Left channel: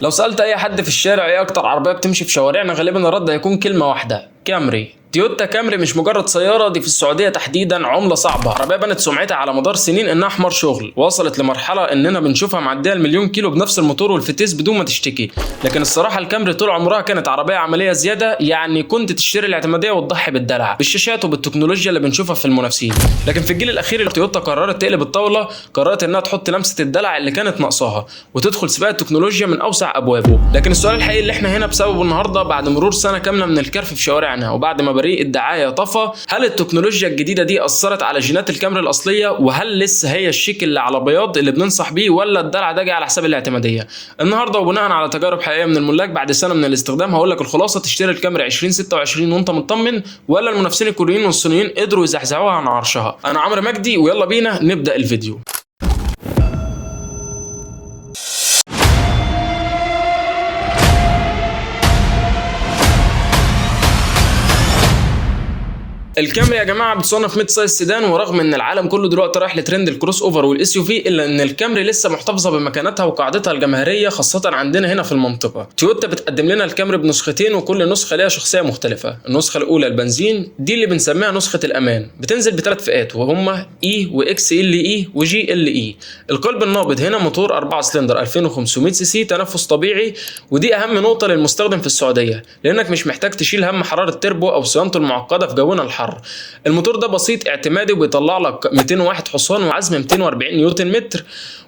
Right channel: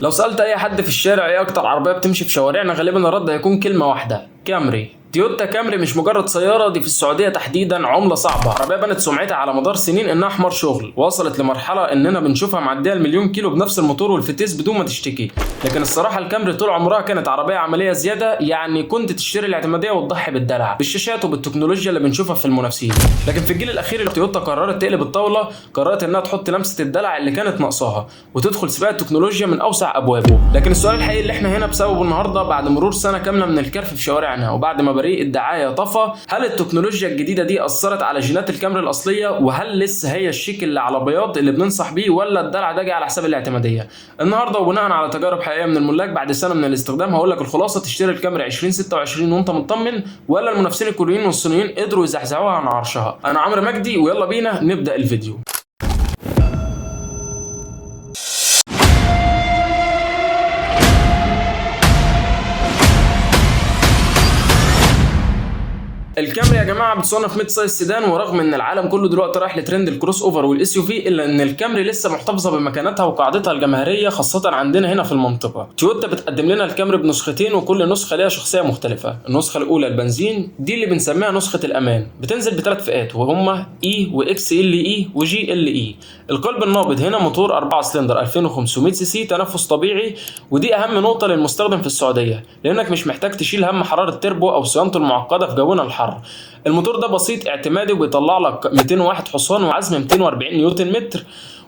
لو سألت أي حد في الشارع إيه أكتر عربية بتمشي في شوارعنا، غالبا الرد هيكون كلمة واحدة: كامري. تويوتا كامري مش مجرد سيارة، دي في السعودية تحديدا عملة صعبة. عربية بنت سمعتها على مدار سنين إنها حمار شغل، وصلت لمرحلة إننا بنشوفها معدية المليون كيلو بنفس الموتور والفتيس بدون ما تشتكي. لكن الصراحة الكامري طول عمرها كانت عربية عملية زيادة، يعني كنت تشتري الاعتمادية وتضحي بالدلع بالشاشات وبالتكنولوجيا اللي بنشوفها في المنافسين. لكن في الجيل الأخير تويوتا قررت تقلب الطاولة، قررت إنها تحط لمسة الدلع اللي كانت ناقصاها وتدخل سباق التكنولوجيا من أوسع أبوابه. لكن السؤال الحقيقي اللي إحنا هنا بسببه النهاردة، بعد مرور سنة كاملة من الكرف في شوارعنا وبعد ما بريق الدعاية هل التكنولوجيا الجديدة دي أثرت على جينات الكامري الأصلية؟ وهل لسه هي الشيك اللي على بياض اللي بننصح بيه، ولا الدلع ده جاي على حساب الاعتمادية؟ النهارده وبناء على تجارب حقيقية من الملاك بعد سنة من الاستخدام هقول لك الخلاصة: تشتري الكامري 2026 وانت مطمن، ولا المنافسين الكوريين والصينيين قدروا يزحزحوها عن عرشها؟ أنا عمرو مجدي ويلا بينا نبدأ الفيديو. الكامري يا جماعه بتصنف ميد سايز سيدان، ورغم ان العالم كله دلوقتي رايح لترند الكروس اوفر والاس يو في، الا ان الكامري لسه محتفظه بمكانتها وقاعدتها الجماهيريه خاصه عندنا هنا في المنطقه. تويوتا بتقدم لنا الكامري بنسختين، وكل نسخه ليها شخصيه مختلفه. النسخه الاولى البنزين، دي اللي بنسميها نسخه الامان، بتنزل بثلاث فئات وهما اي واكس ال اي وجي ال اي. القلب النابض هنا موتور 4 سلندر 2500 سي سي تنفس طبيعي، ودي اهم نقطه للمستخدم في السعوديه لانك مش محتاج تشيل هم حراره التربو او صيانته المعقده في جونا الحر. الموتور ده بسيط اعتمادي وبيطلع لك 201 حصان وعزم 240 نيوتن متر،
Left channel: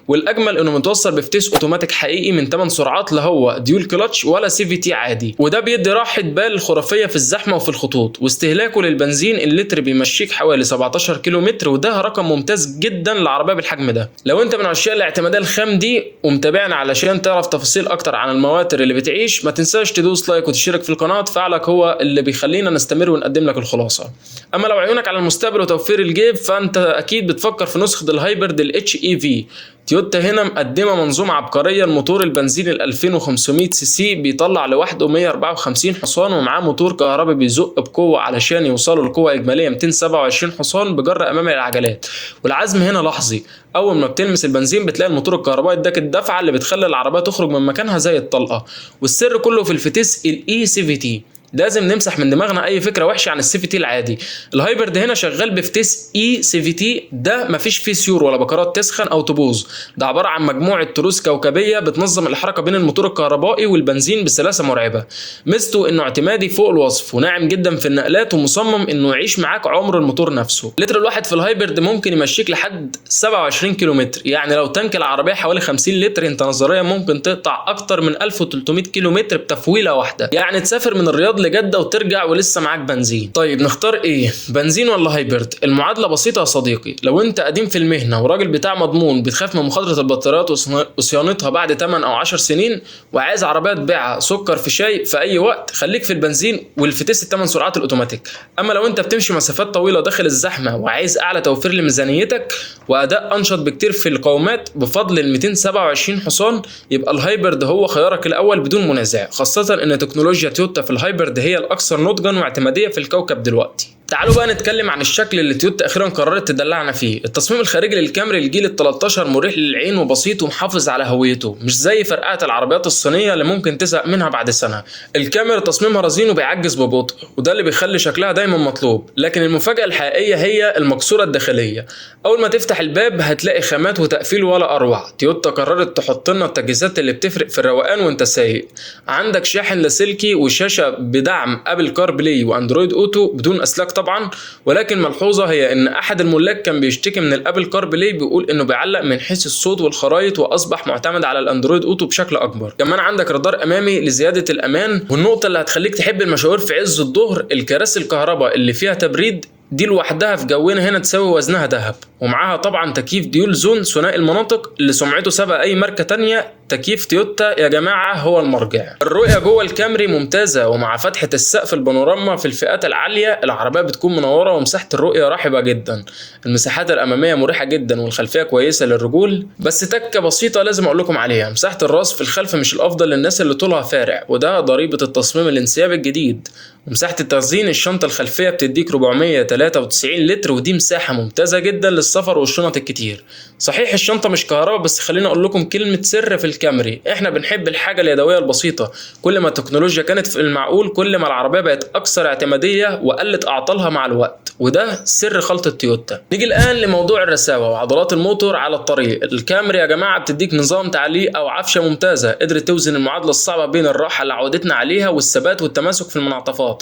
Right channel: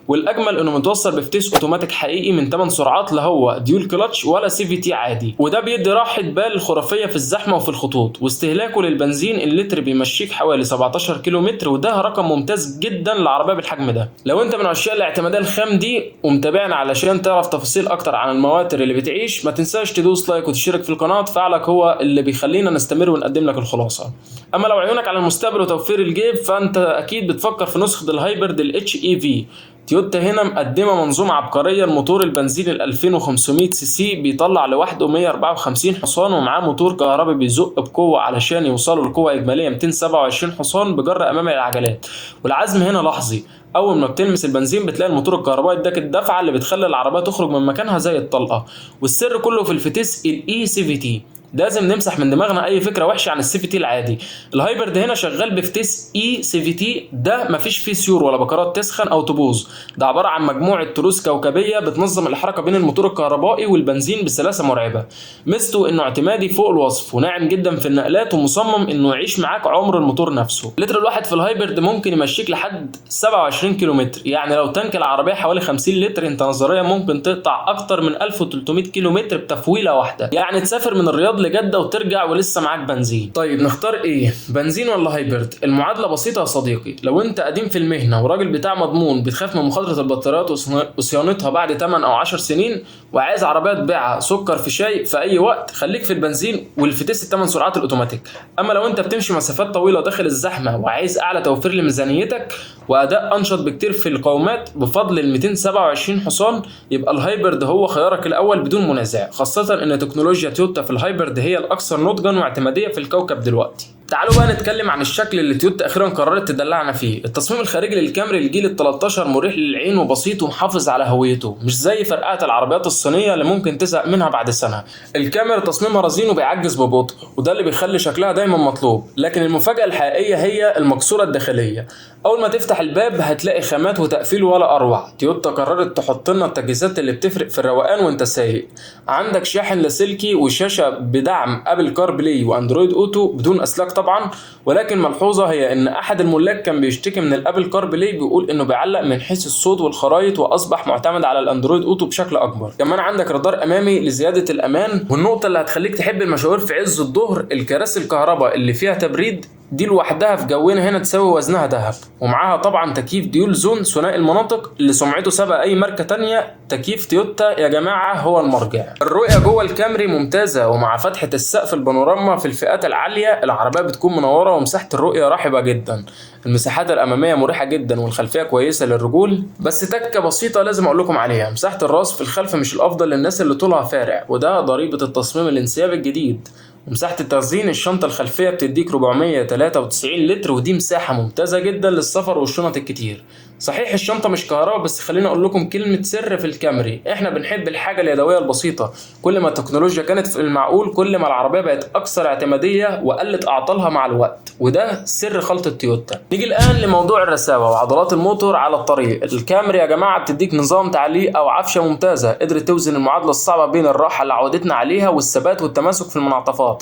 والاجمل انه متوصل بفتيس اوتوماتيك حقيقي من 8 سرعات، لا هو ديول كلتش ولا سي في تي عادي، وده بيدي راحه بال خرافيه في الزحمه وفي الخطوط. واستهلاكه للبنزين اللتر بيمشيك حوالي 17 كيلو متر، وده رقم ممتاز جدا لعربيه بالحجم ده. لو انت من عشاق الاعتماديه الخام دي ومتابعنا علشان تعرف تفاصيل اكتر عن المواتر اللي بتعيش، ما تنساش تدوس لايك وتشترك في القناه، فعلك هو اللي بيخلينا نستمر ونقدم لك الخلاصه. اما لو عيونك على المستقبل وتوفير الجيب، فانت اكيد بتفكر في نسخه الهايبرد الاتش اي في. تويوتا هنا مقدمه منظومه عبقريه. الموتور البنزين ال 2500 سي سي بيطلع لوحده 154 حصان، ومعاه موتور كهربي بيزق بقوه علشان يوصلوا لقوه اجماليه 227 حصان بجر امامي العجلات. والعزم هنا لحظي، اول ما بتلمس البنزين بتلاقي الموتور الكهربائي اداك الدفعه اللي بتخلي العربيه تخرج من مكانها زي الطلقه. والسر كله في الفتيس الاي سي في تي. لازم نمسح من دماغنا اي فكره وحشه عن السي في تي العادي. الهايبرد هنا شغال بفتيس اي سي في تي، ده مفيش فيه سيور ولا بكرات تسخن او تبوظ، ده عباره عن مجموعه تروس كوكبيه بتنظم الحركه بين الموتور الكهربائي والبنزين بسلاسه مرعبه. ميزته انه اعتمادي فوق الوصف وناعم جدا في النقلات، ومصمم انه يعيش معاك عمر الموتور نفسه. اللتر الواحد في الهايبرد ممكن يمشيك لحد 27 كيلومتر، يعني لو تانك العربيه حوالي 50 لتر، انت نظريا ممكن تقطع اكتر من 1300 كيلومتر بتفويله واحده، يعني تسافر من الرياض لجده وترجع ولسه معاك بنزين. طيب نختار ايه، بنزين ولا هايبرد؟ المعادله بسيطه يا صديقي. لو انت قديم في المهنه وراجل بتاع مضمون، بتخاف من مخاطره البطاريات وصيانتها بعد 8 او 10 سنين، وعايز عربيه تبيعها سكر في شاي في اي وقت، خليك في البنزين والفتيس ال8 سرعات الاوتوماتيك. اما لو انت بتمشي مسافات طويله داخل الزحمه وعايز اعلى توفير لميزانيتك واداء انشط بكتير في القومات بفضل ال 227 حصان، يبقى الهايبرد هو خيارك الاول بدون منازع، خاصه ان تكنولوجيا تويوتا في الهايبرد هي الاكثر نضجا واعتماديه في الكوكب دلوقتي. تعالوا بقى نتكلم عن الشكل اللي تويوتا اخيرا قررت تدلعنا فيه. التصميم الخارجي للكامري الجيل ال 13 مريح للعين وبسيط ومحافظ على هويته، مش زي فرقات العربيات الصينيه اللي ممكن تزهق منها بعد سنه. الكاميرا تصميمها رزين وبيعجز ببطء، وده اللي بيخلي شكلها دايما مطلوب. لكن المفاجاه الحقيقيه هي المقصوره الداخليه. اول ما تفتح الباب هتلاقي خامات وتقفيل ولا اروع. تويوتا قررت تحط لنا التجهيزات اللي بتفرق في الروقان وانت سايق. عندك شاحن لاسلكي وشاشه بدعم ابل كار بلاي واندرويد اوتو بدون اسلاك طبعا، ولكن ملحوظه هي ان احد الملاك كان بيشتكي من الابل كار بلاي، بيقول انه بيعلق من حيث الصوت والخرائط، واصبح معتمد على الاندرويد اوتو بشكل اكبر. كمان عندك رادار امامي لزياده الامان، والنقطه اللي هتخليك تحب المشاوير في عز الظهر، الكراسي الكهرباء اللي فيها تبريد دي لوحدها في جونا هنا تساوي وزنها ذهب. ومعاها طبعا تكييف ديول زون ثنائي المناطق اللي سمعته سبق اي ماركه تانية. تكييف تويوتا يا جماعه هو المرجع. الرؤيه جوه الكامري ممتازه، ومع فتحه السقف البانوراما في الفئات العاليه العربيه بتكون منوره ومساحه الرؤيه رحبه جدا. المساحات الاماميه مريحه جدا والخلفيه كويسه للرجول، بس تكه بسيطه لازم اقول لكم عليها: مساحه الراس في الخلف مش الافضل للناس اللي طولها فارع، وده ضريبه التصميم الانسيابي الجديد. ومساحة التخزين الشنطة الخلفية بتديك 493 لتر، ودي مساحة ممتازة جدا للسفر والشنط الكتير. صحيح الشنطة مش كهرباء، بس خليني اقول لكم كلمة سر في الكامري، احنا بنحب الحاجة اليدوية البسيطة. كل ما التكنولوجيا كانت في المعقول كل ما العربية بقت اكثر اعتمادية وقلت اعطالها مع الوقت، وده سر خلطة تويوتا. نيجي الان لموضوع الرساوة وعضلات الموتور على الطريق. الكامري يا جماعة بتديك نظام تعليق او عفشة ممتازة، قدرت توزن المعادلة الصعبة بين الراحة اللي عودتنا عليها والثبات والتماسك في المنعطفات.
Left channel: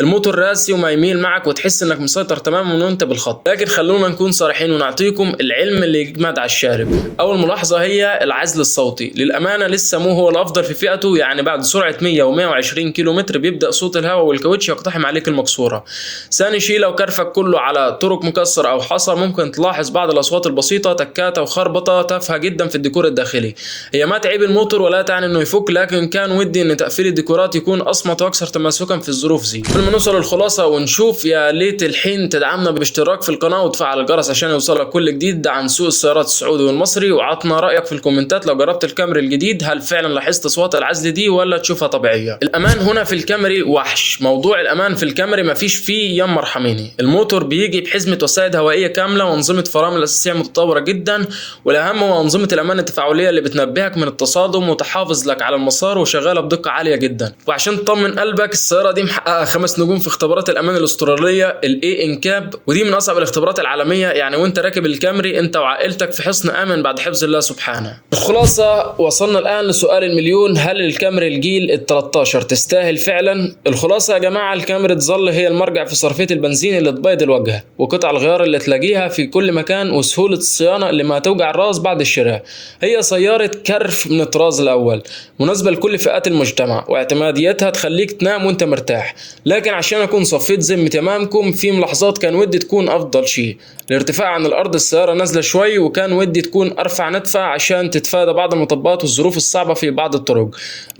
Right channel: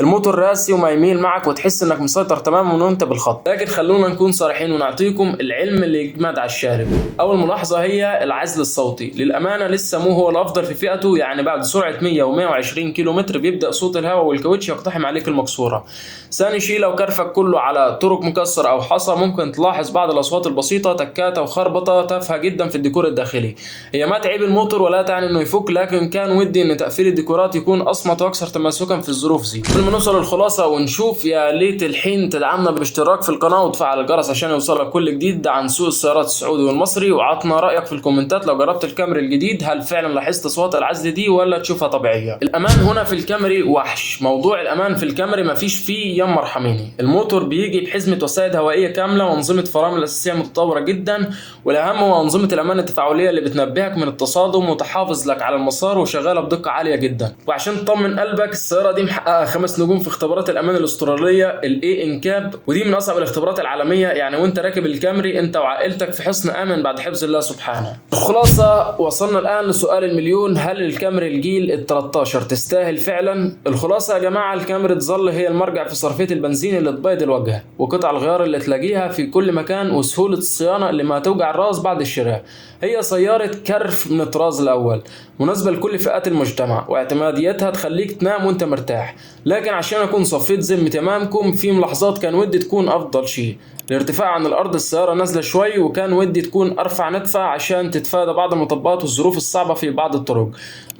الموتور راسي وما يميل معك وتحس انك مسيطر تماما وانت بالخط. لكن خلونا نكون صريحين ونعطيكم العلم اللي يجمد على الشارب. اول ملاحظة هي العزل الصوتي، للامانة لسه مو هو الافضل في فئته، يعني بعد سرعة 100 و120 كيلو متر بيبدأ صوت الهواء والكاوتش يقتحم عليك المكسورة. ثاني شيء لو كرفك كله على طرق مكسر او حصى ممكن تلاحظ بعض الاصوات البسيطة، تكات او خربطة تافهة جدا في الديكور الداخلي. هي ما تعيب الموتور ولا تعني انه يفك، لكن كان ودي ان تقفيل الديكورات يكون اصمت واكثر تماسكا في الظروف دي. قبل ما نوصل للخلاصة ونشوف، يا ليت الحين تدعمنا باشتراك في القناة وتفعل الجرس عشان يوصلك كل جديد عن سوق السيارات السعودي والمصري، وعطنا رأيك في الكومنتات لو جربت الكامري الجديد، هل فعلا لاحظت اصوات العزل دي ولا تشوفها طبيعية؟ الامان هنا في الكامري وحش. موضوع الامان في الكامري مفيش فيه يم مرحميني. الموتور بيجي بحزمة وسائد هوائية كاملة وانظمة فرامل اساسية متطورة جدا، والاهم هو انظمة الامان التفاعلية اللي بتنبهك من التصادم وتحافظ لك على المسار وشغالة بدقة عالية جدا. وعشان تطمن قلبك السيارة دي محققة 5 نجوم في اختبارات الامان الاسترالية الاي انكاب، ودي من اصعب الاختبارات العالمية. يعني وانت راكب الكامري انت وعائلتك في حصن امن بعد حفظ الله سبحانه. الخلاصة وصلنا الان لسؤال المليون، هل الكامري الجيل ال13 تستاهل فعلا؟ الخلاصة يا جماعة، الكامري تظل هي المرجع في صرفية البنزين اللي تبيض الوجه، وقطع الغيار اللي تلاقيها في كل مكان، وسهولة الصيانة اللي ما توجع الراس بعد الشراء. هي سيارة كرف من الطراز الاول، مناسبة لكل فئات المجتمع، واعتماديتها تخليك تنام وانت مرتاح. لكن عشان اكون صفيت ذمتي امامكم، في ملاحظات كان ودي تكون افضل شيء. الارتفاع عن الارض السيارة نازلة شوي، وكان ودي تكون ارفع ندفع عشان تتفادى بعض المطبات والظروف الصعبة في بعض الطرق.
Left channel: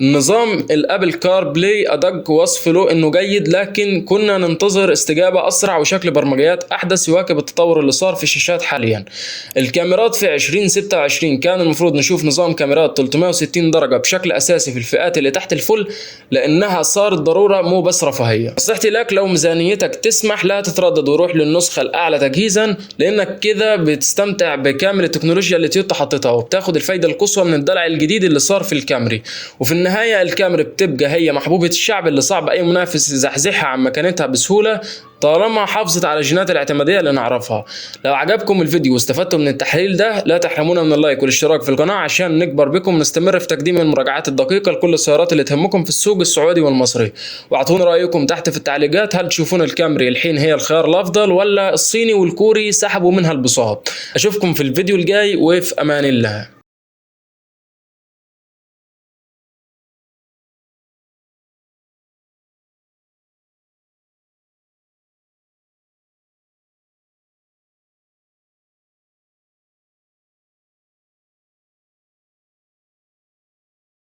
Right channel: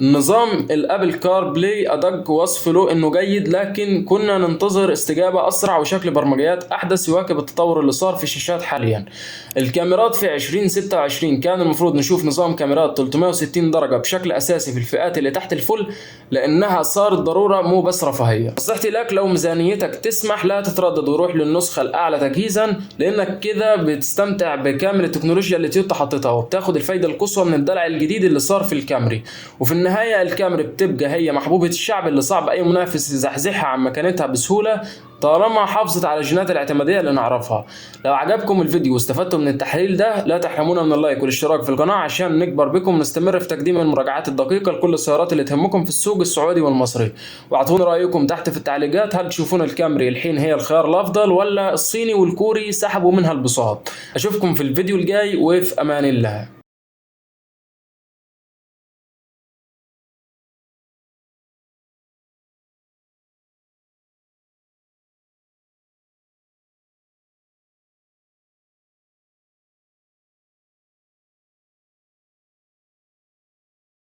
النظام الابل كار بلاي ادق وصف له انه جيد، لكن كنا ننتظر استجابة اسرع وشكل برمجيات احدث يواكب التطور اللي صار في الشاشات حاليا. الكاميرات في 2026 كان المفروض نشوف نظام كاميرات 360 درجة بشكل اساسي في الفئات اللي تحت الفل، لانها صارت ضرورة مو بس رفاهية. نصيحتي لك لو ميزانيتك تسمح لا تتردد وروح للنسخة الاعلى تجهيزا، لانك كده بتستمتع بكامل التكنولوجيا اللي تويوتا حطتها، وبتاخد الفايدة القصوى من الدلع الجديد اللي صار في الكامري. وفي النهاية الكامري بتبقى هي محبوبة الشعب اللي صعب اي منافس يزحزحها عن مكانتها بسهولة، طالما حافظت على الجينات الاعتمادية اللي نعرفها. لو عجبكم الفيديو واستفدتوا من التحليل ده، لا تحرمونا من اللايك والاشتراك في القناة عشان نكبر بكم ونستمر في تقديم المراجعات الدقيقة لكل السيارات اللي تهمكم في السوق السعودي والمصري. واعطونا رأيكم تحت في التعليقات، هل تشوفون الكامري الحين هي الخيار الافضل، ولا الصيني والكوري سحبوا منها البساط؟ اشوفكم في الفيديو الجاي، وفي امان الله.